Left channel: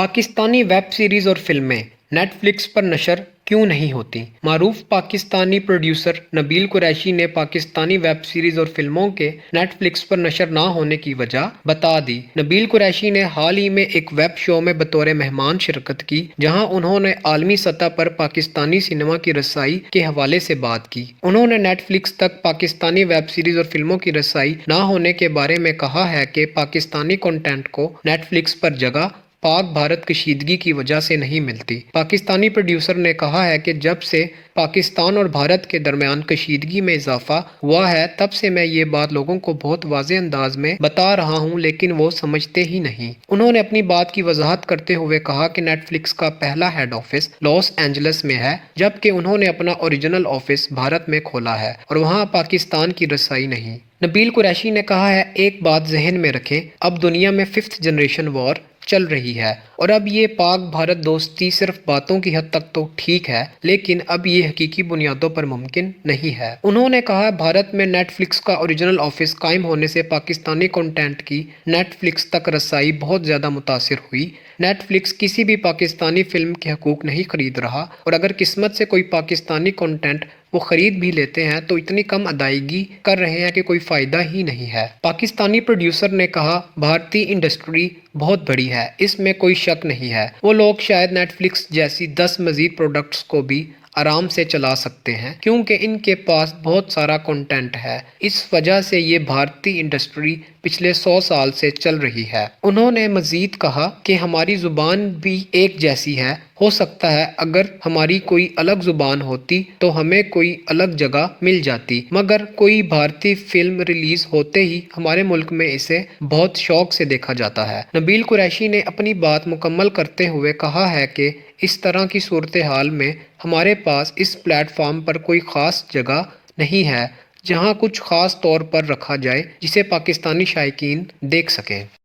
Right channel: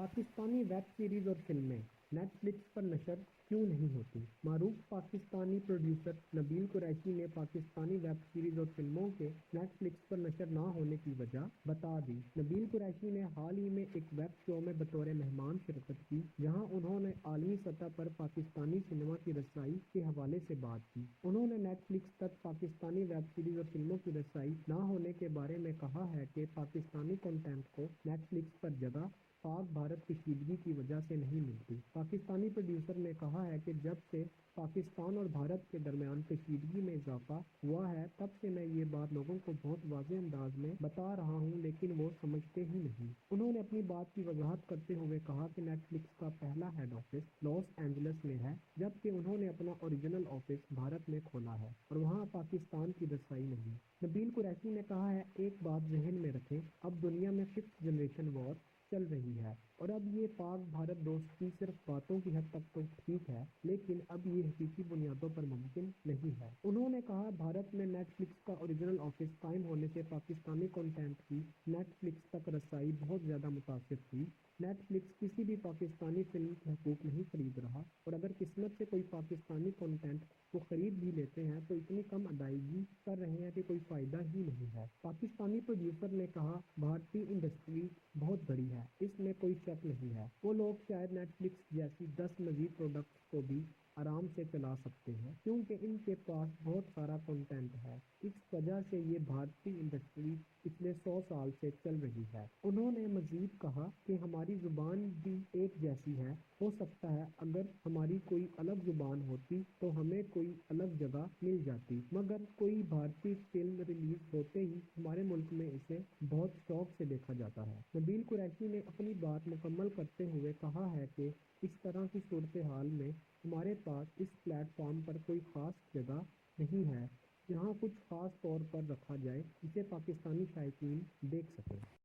Pakistani web series और फिल्में Netflix पर नशर क्यों नहीं होती? मारूफ पाकिस्तानी प्रोड्यूसर नबील कुरैशी ने पाकिस्तानी वेब सीरीज और फिल्मों के नेटफ्लिक्स पर नशर ना होने की वजह बता दी। नबील कुरैशी ने हाल ही में एक वेब शो में बतौर मेहमान शिरकत की, जहां उन्होंने आलमी सतह पर पाकिस्तानी सिनेमा की रसाई के हवाले से बात की। उन्होंने नेटफ्लिक्स तक पाकिस्तानी वेब सीरीज और फिल्मों की रसाई ना होने के बारे में कहा है कि पाकिस्तानी कंटेंट को नेटफ्लिक्स पर जगह पाक भारत कशीदगी की वजह से नहीं मिलती। पाकिस्तानी प्रोड्यूसर ने कहा है कि जब से पाकिस्तान और भारत के दरमियान कशीदगी में इजाफा हुआ है, तब से मैं ये बात लोगों को बहुत वाज़ेह अंदाज में बता रहा हूँ, लेकिन वो समझते ही नहीं। उन्होंने अपनी बात की वजाहत करते हुए कहा कि नेटफ्लिक्स का पहला हेड ऑफिस लॉस एंजल्स में है, जबकि उन्होंने अपना ओरिजिनल ऑफिस भारत में खोला है और वहाँ पाकिस्तान की रसाई नहीं। नबील कुरैशी ने कहा है, एक बात जहन में रखें, अब दुनिया में 5th जनरेशन वॉर चल रही है और अब ये पाक भारत दोस्ती सिर्फ बातों की हद तक तो ठीक है, लेकिन अब ये हकीकी बुनियादों पर मुमकिन नहीं है। उन्होंने कहा, भारत में नेटफ्लिक्स का ओरिजिनल ऑफिस कायम होने से पाकिस्तानी कंटेंट की नेटफ्लिक्स तक रसाई बहुत ज़्यादा मुतासिर हुई। नेटफ्लिक्स किसी भी पाकिस्तानी फिल्म के हकूक नहीं खरीद रहा और अगर किस्मत से कोई पाकिस्तानी कंटेंट वो खरीद भी लेते हैं तो इतनी कम अदायगी कर रहे हैं कि कोई फ़ायदा ही नहीं है। पाकिस्तानी प्रोड्यूसर ने कहा, भारतीय इंडस्ट्री बहुत बड़ी है, इसमें कोई शक नहीं है। वो लोग शायद नेटफ्लिक्स जैसी 10 मज़ीद प्रोडक्ट्स को भी आराम से चला सकते हैं, क्योंकि इनके पास बहुत सारा कंटेंट है। इस वजह से ये भारतीय इंडस्ट्री पिछले 100 साल से चल रही है। उन्होंने मजीद कहा कि हमारी ज़ुबान भी एक जैसी है, हो सकता है अगर हमारी कोई अलग ज़ुबान होती तो हमें कोई अलग जगह मिल जाती, मगर कोई भारतीय फिल्म रिलीज़ होते ही हमारे मुल्क में इसे बहुत शौक से देखा जाता है। नबील कुरैशी ने अपनी बात मुकम्मल करते हुए कहा है कि इस तरह की सूरत हाल में हमारे पास इस प्लेटफॉर्म पर कोई ख़ास जगह नहीं है जहां कुछ ख़ास तौर पर रखा जाए जिसे पाकिस्तानी शायकीन देख सकें।